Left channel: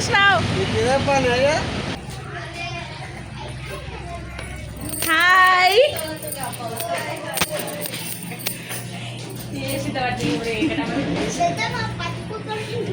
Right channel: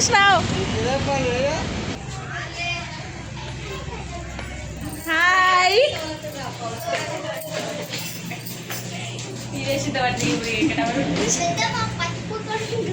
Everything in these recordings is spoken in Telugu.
వచ్చినావు? హాయ్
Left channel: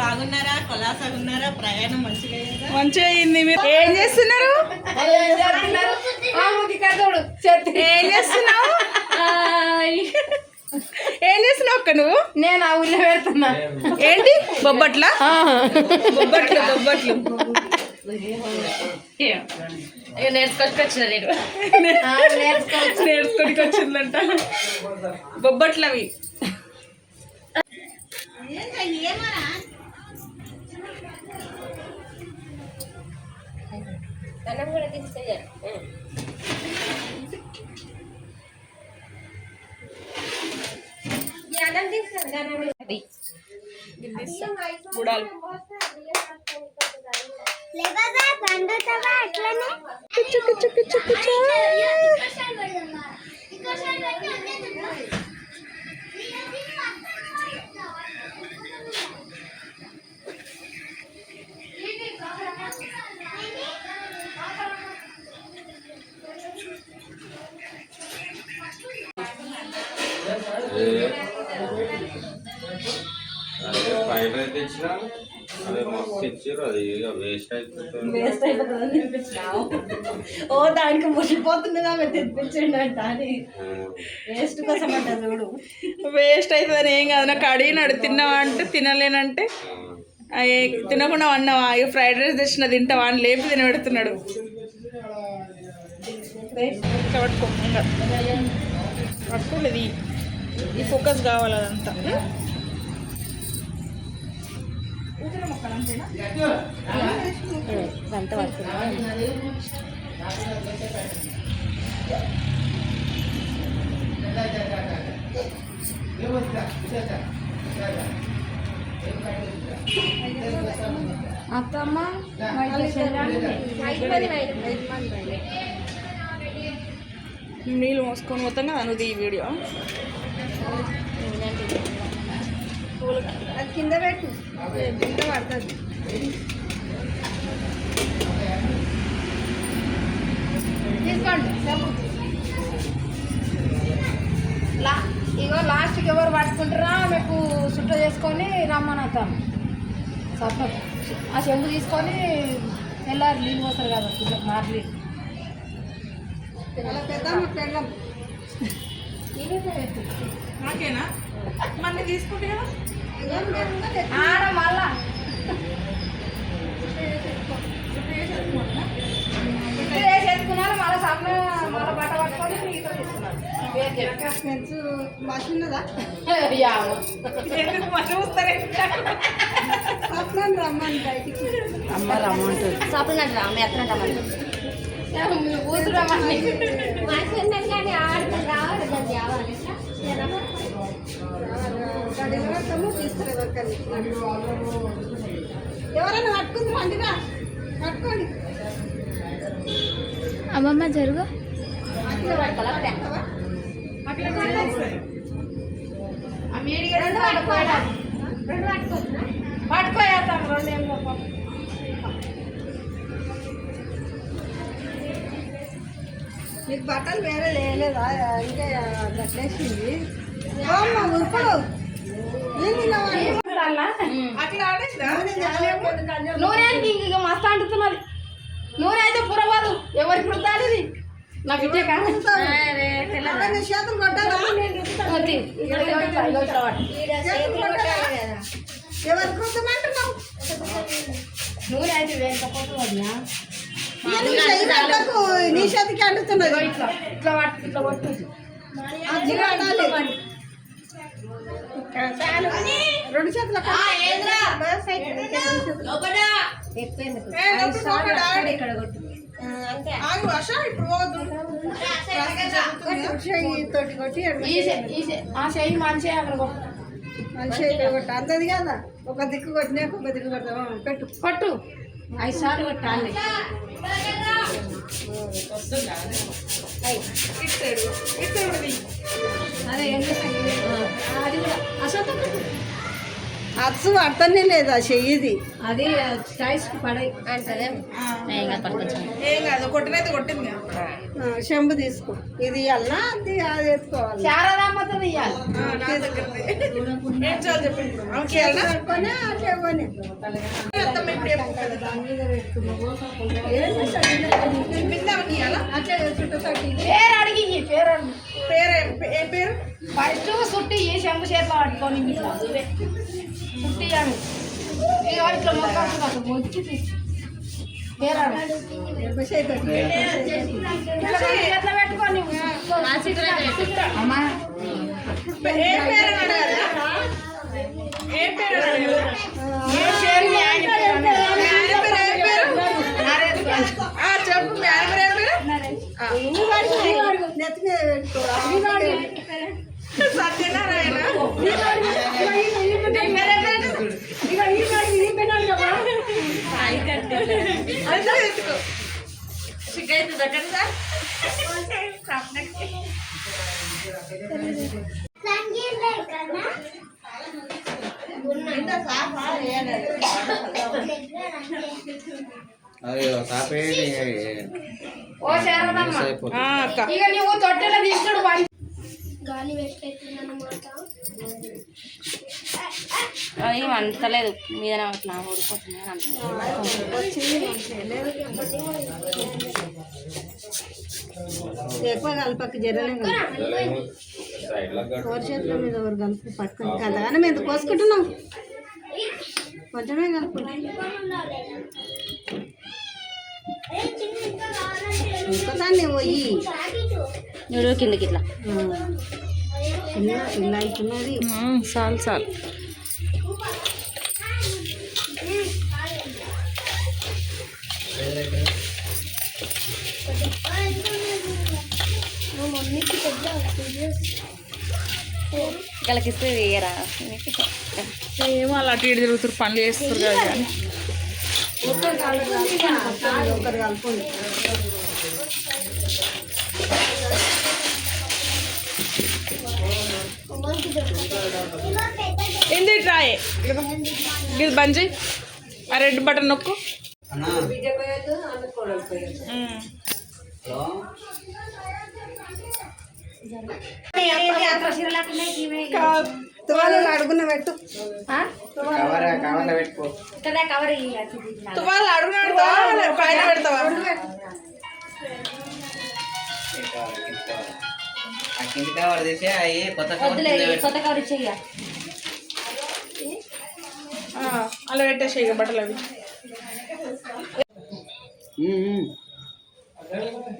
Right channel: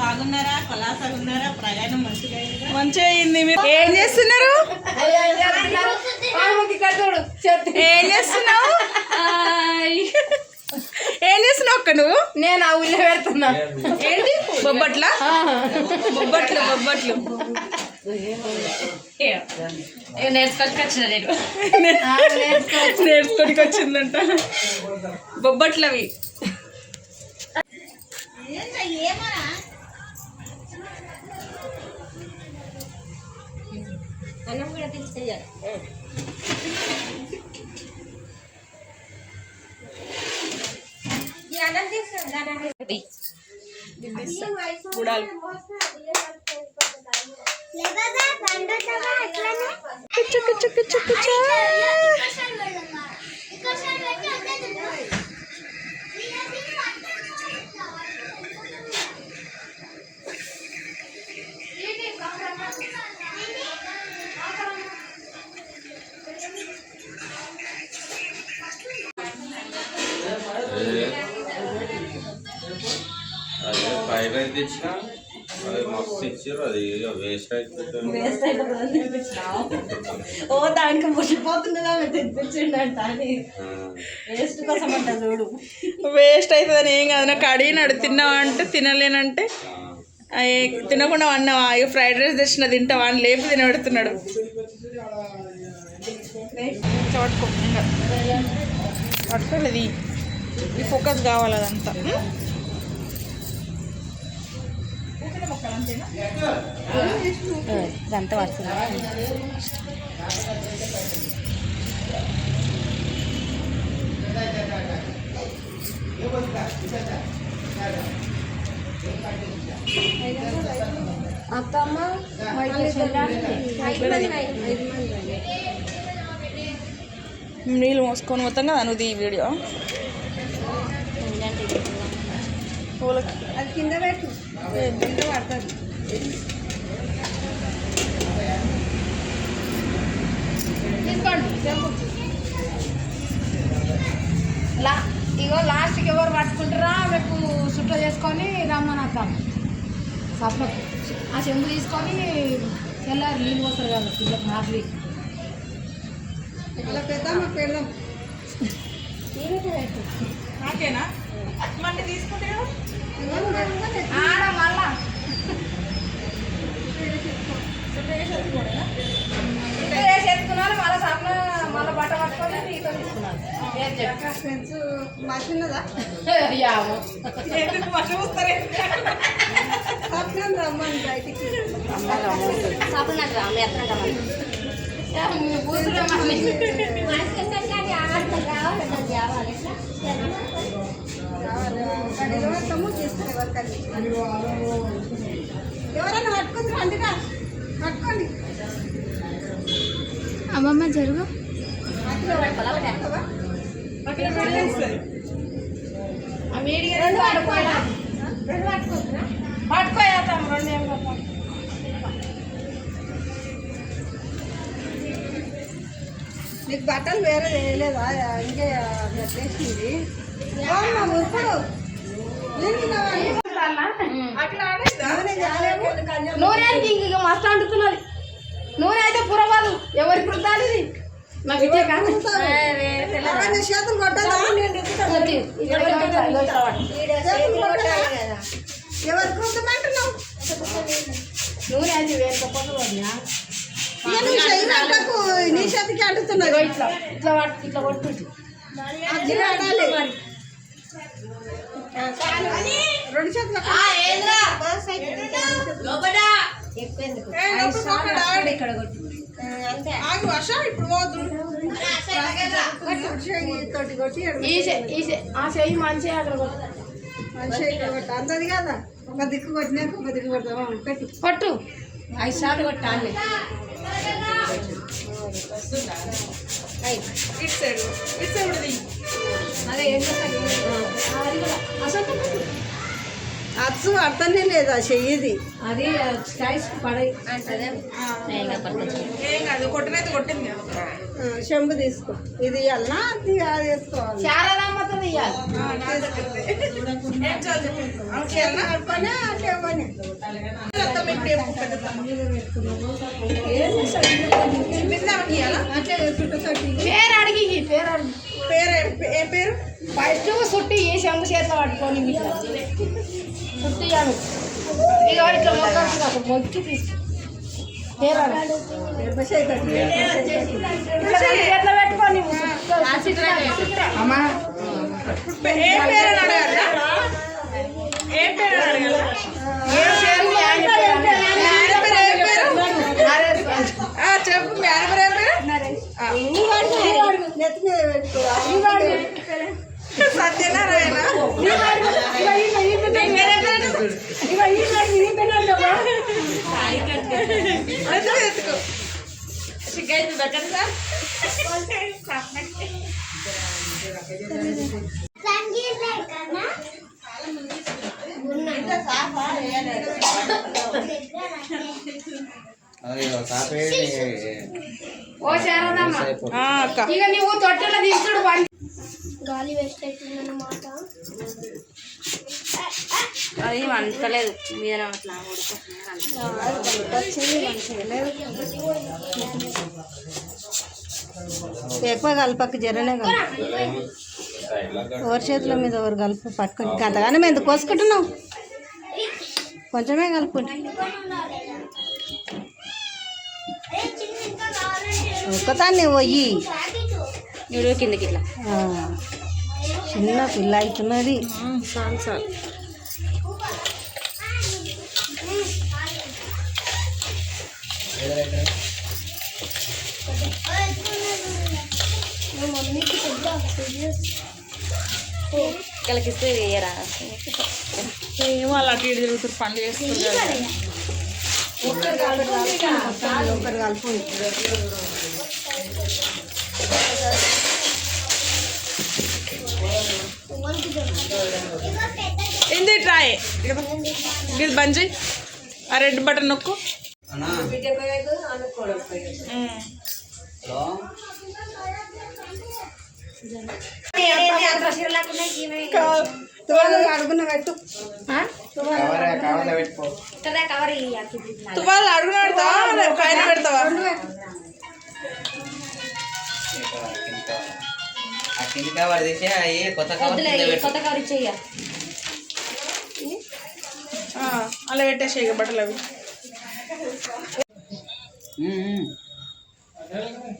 బాగున్నారా? పలాసగా ఉన్నారా? ప్రయాణం మంచిగా మంచిగా అయింది. మీరు ఏం చేస్తున్నారు? ఏం చేస్తున్నావు? ఏం చేస్తున్నావు అక్క నువ్వు? నేను ఆ ఊళ్ళో పెడుతున్నా. ఏంటి బొబ్బట్ల? బొబ్బట్లు బొబ్బట్లు నేర్చుకొచ్చిన నేను నేర్చుకోడికి వచ్చిందంట. బొబ్బట్లు అవి. గుడాలు తెచ్చినా అదే మస్తు ఇచ్చారు. అది వేస్ట్ అయిపోతుంది. వేస్ట్ అయిపోతుంది ఓ దానికి ముసిపోతుండగా తెప్పించండి అంట అని వేస్ట్ కోసం అంట చూడు. వేస్ట్ అవుతుందని ఏం కాదు. నాకు అడిగినాడు తిన్నావా అంటే తినలేనంటే తినకుండా అన్నావా? ఇక ఫ్రైడ్ రైస్ తెచ్చిన తింటావా అని లేపి తినబెడుతున్నాడు. పట్టుకో ఇంకా పట్టుకోలేదు. ఈ ఫోకస్ కావాలి అదంతా. ఇదంతా వస్తుంది. అత్తమ్మ నీళ్ళు మోసుకొని మొత్తం కదా నువ్వు ఈ వీడియో అది కింద పెట్టు, కింద పడుతుంది. తీసుకోండి. ఇగో లాస్ట్కి ఎవరు పట్టుకుంటారా మీకు సుట్ట చేసుకొని రమ్మని వస్తాను. సప్న ఆ చెంబు తీసుకొని తెల్లారి నీళ్ళు పోతారు కదా పిల్లలు మాటలు పెద్దమ్మ నాకేనా మళ్ళీ తీసుకుంటే ఆడ మళ్ళా వేసి ఎత్తుకున్నాను. మళ్ళీ సప్న మళ్ళీ బట్ట పట్టుకొని నీతో తీసుకున్నాను. మసిన్నదా రమ్మని బయటికి ఎవరైనా పట్టుకుంది రండిరా పట్టుకోండి. అమ్మమ్మ జరుగు. పట్టుకోతాం రెండు ఏం పోతాం. నీకు బట్టలు వేరే వేయలేదా? ఇంకా నెట్లేసింది మురుకుడు నూనెకి ఇంక మస్తు అంటుతున్నది. నూనె అయితే పురవాదు ఎవరికి రుద్దాలి ఇది నాకు ఇచ్చే కాదు. చేతులు కొట్టాలి. ఎవరికి రుద్దమంటున్నావు? నూనె అయితే వేరే నీ చేతికి అంటుతున్నది. ఇట్లా ఇట్లా ఇట్లా కొట్టు. రెండు చేతులు ఇక్కడ కొట్టు. వర్ష ఇప్పుడు పోదు కొట్టి ఆ చెయ్యి మంచిగా అక్కడ కొట్టు. అంతది కదా. ఒక దిక్కు కొట్టినాక ఒక దిక్కు కొడతావా? పెట్టు కొట్టు 5 సార్లు కొట్టాలి. అదే అది కూడా అసలు అచ్చు పడతానే లేదు ఆ చెయ్యిది. అది స్టైల్స్ పడై ఏం కాదు కొట్టినైతే కొట్టింది కదా. చెంబు తీసుకో. ఇది ఇవ్వాలనా అది వేసుకోవాలి. శారదామ్మతో ఇవ్వాలి. నా దగ్గరదే. ఏం చాలు చెప్పండి ఆమెకి ఇవ్వాలనా? పట్టుకొని అట్లా ఇవ్వని. అత్తమ్మ ఇప్పుడు చెప్పు పెద్దమ్మ. చూపిస్తే ఆమెకి ఇవ్వాలా? అట్లా చుట్టూ పేరు అడిగి పేరు అడిగి పేరు ఏం పేరు? ఫస్ట్ సుట్టి చెంబు చేతిలో పట్టుకొని ఇట్లా సుట్టి ఇవ్వాలి. ఇక ఇట్లా మొక్కి తీసుకో. పేరు అడగాలి. చేతిలో పెట్టుకొని అమ్మా ఏం పేరు అని అడగాలి? ఏం పేరు అని అడగాలి? చెప్పు మీ ఆయన పేరు ఏం పేరు? నెత్తి మీద పెట్టుకోవాలి. సత్యనారాయణ. ఎత్తుకో సిగ్గైతే దక్కని సార్. ఓ శారదమ్మ అక్క ఇక నువ్వు తొట్టెలో తీసుకుడు గాలి వేస్ట్ అవుతుందన్నమాట. అది అంటలేదు మీద అట్లా ఎక్కువ కలపక్క జరనే ఎవరి చేతుల మీద ఎవరు కలుపు పట్టుకొని కలగానే మేము ఎందుకు కోసుకుంటున్నాం. కొంచెమే కలుపుకుంటాం. ఇంకొదాన్ని పోయి నువ్వు కిందకి ఇట్లా చిన్న పిల్ల అవుతున్నది. చాలు చాలు వీళ్ళకి ఇస్తే వేయరా ఏమో అలా అటు ఇటు తిరుగుతారు పనులు చేస్తారు కదా. ఒకరు కలుపు. ఏంది ట్రాయ్ ఇది బంద్ చేయి. ఆ రెడ్ బటన్ నొక్కు. అడుగున పెట్టు. తువ్వాలు అడుగున పెడతావా పైన పెడతావా? కొత్త కవర్ ఇచ్చేయ అలా పెట్టేసి ఇక బట్టలు అవి.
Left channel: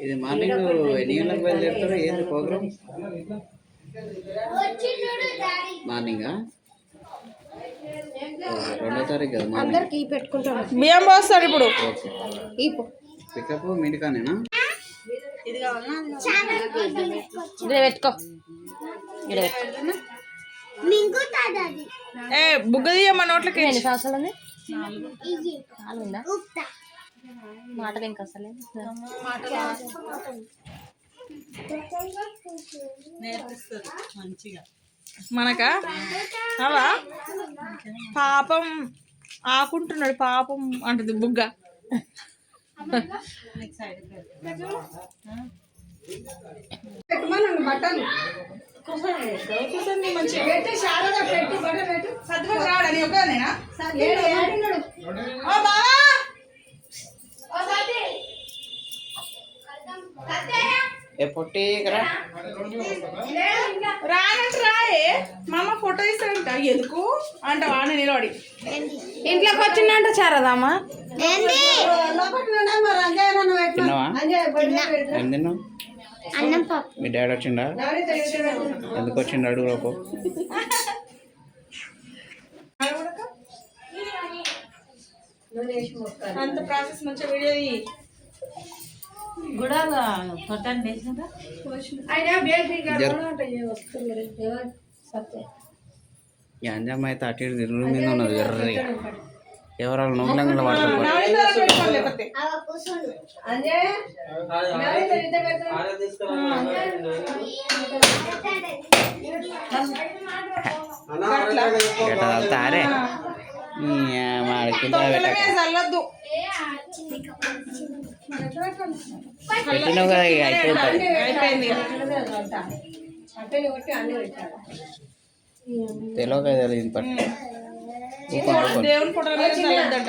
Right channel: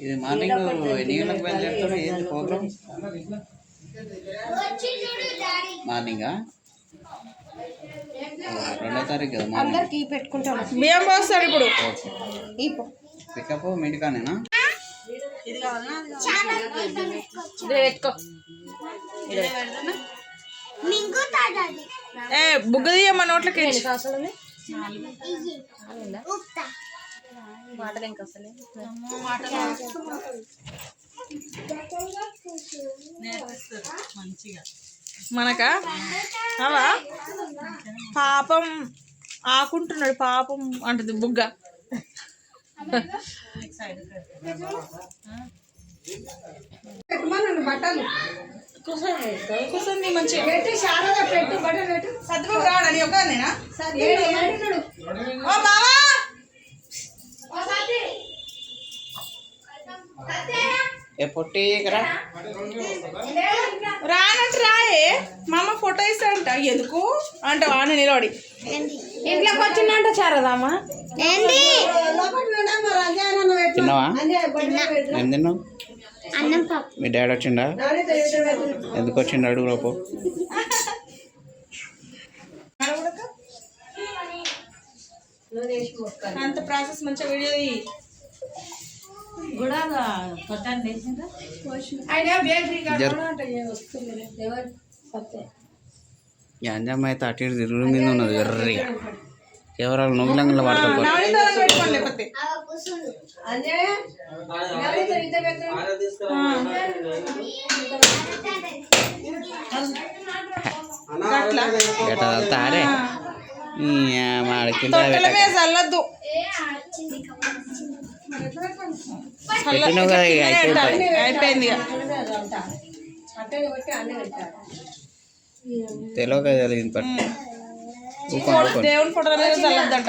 ఇది మార్నింగ్ ఎన్ని గంటలకు బయలుదేరుతారు? ఏంటి ప్రోగ్రామ్? మార్నింగా 2వ తారీఖు కదా మార్నింగ్. అందరికి పెట్టుకుంటాను. బియ్యం పోస్తాడు ఇప్పుడు. పికప్ మిడికానేనా? ఇది కావాలన్నా పెట్టుకో ఏ బుగ్గ తీయమ్మ నోట్లకి. మాటలు ఇంకా అసలే మనకా అవా పాపం ఆకుంటున్నాడు పాపం అంటది బుగ్గ. పెట్టమనండి బట్టలు. కూర్చుంది మంచిగా. పెట్టు శారద పెట్టు బట్టలు పెట్టు. సత్తుబాబు రావడానికి ఒక నేనా? ఏడున్నాడు? ఓ బావా ఏ పొట్టి కదా రానంటే రాయే మా అమ్మ ఫోటో ఇస్తాడంట. ఎందుకు అంట వాడిని నిలబడి ఇంట్లోకి వచ్చిందంట శారదమ్మ. లోపల ఉండగా మరి అంజయ్యను పెట్టు. తిన్నావా? అంజయ్య ఏం తిన్నావు? అన్నం పప్పు. మీ డాడీ వచ్చిండా? ఎందుకు వచ్చిండు అడుగు లోపు. అంత ప్రాసెస్ మంచిగా వీడియో ఆయన బేకరీ ఎవరు సత్య ఈ అంజమ్మ అయితే అటు ఇటు తిరుగుడు మీద ఉన్నది ఎర్రగా. ఎవరాలు నొంగిలంగా పడతారు. అంజయ్య ఎట్లా తారే మాడికింద తొట్టెల మీద చల్లద్దు. పెట్టినావు కదా ఇక అయిపోతుంది. అయిపోయింది ఇక. తెలియక జరిగింది పట్టు ఊకోండి దేవుని ఫోటోల మీద చల్లద్దంట.